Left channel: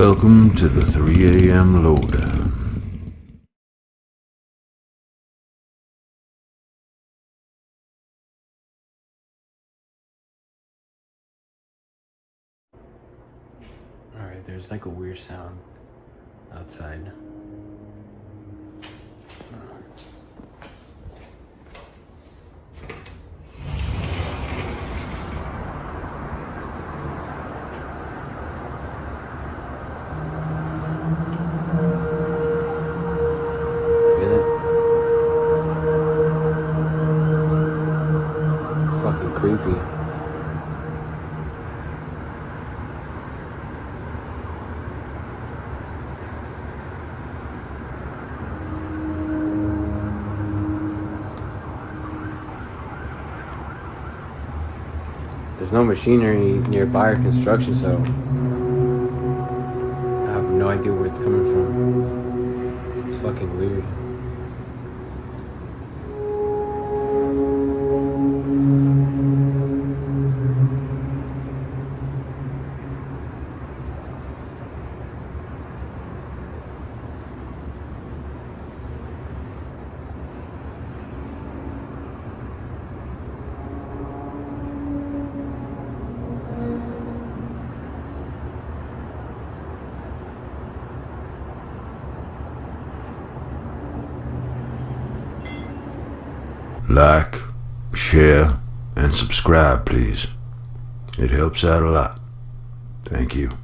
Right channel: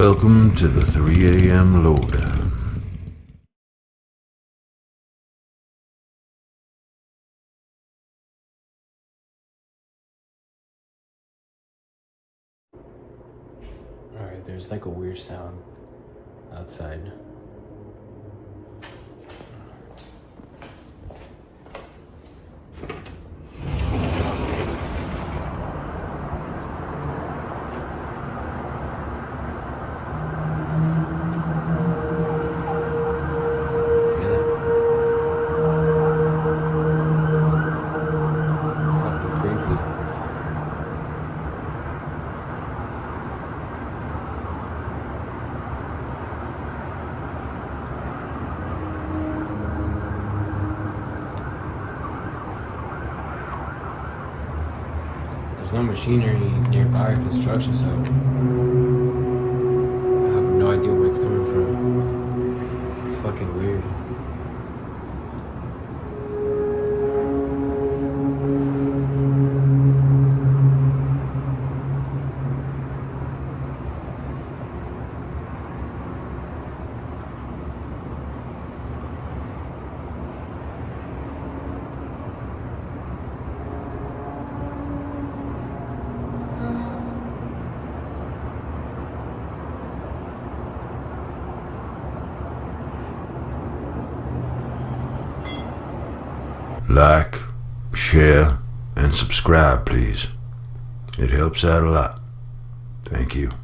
Welcome to the 3 a.m. lowdown. Alright, there's like a weird sound outside. Feel it? It's fucking creepy. There's no machinery nearby or construction, so I have no idea where it's coming from. It's fucking weird. Like, share, and subscribe, please. It helps out a lot. Thank you.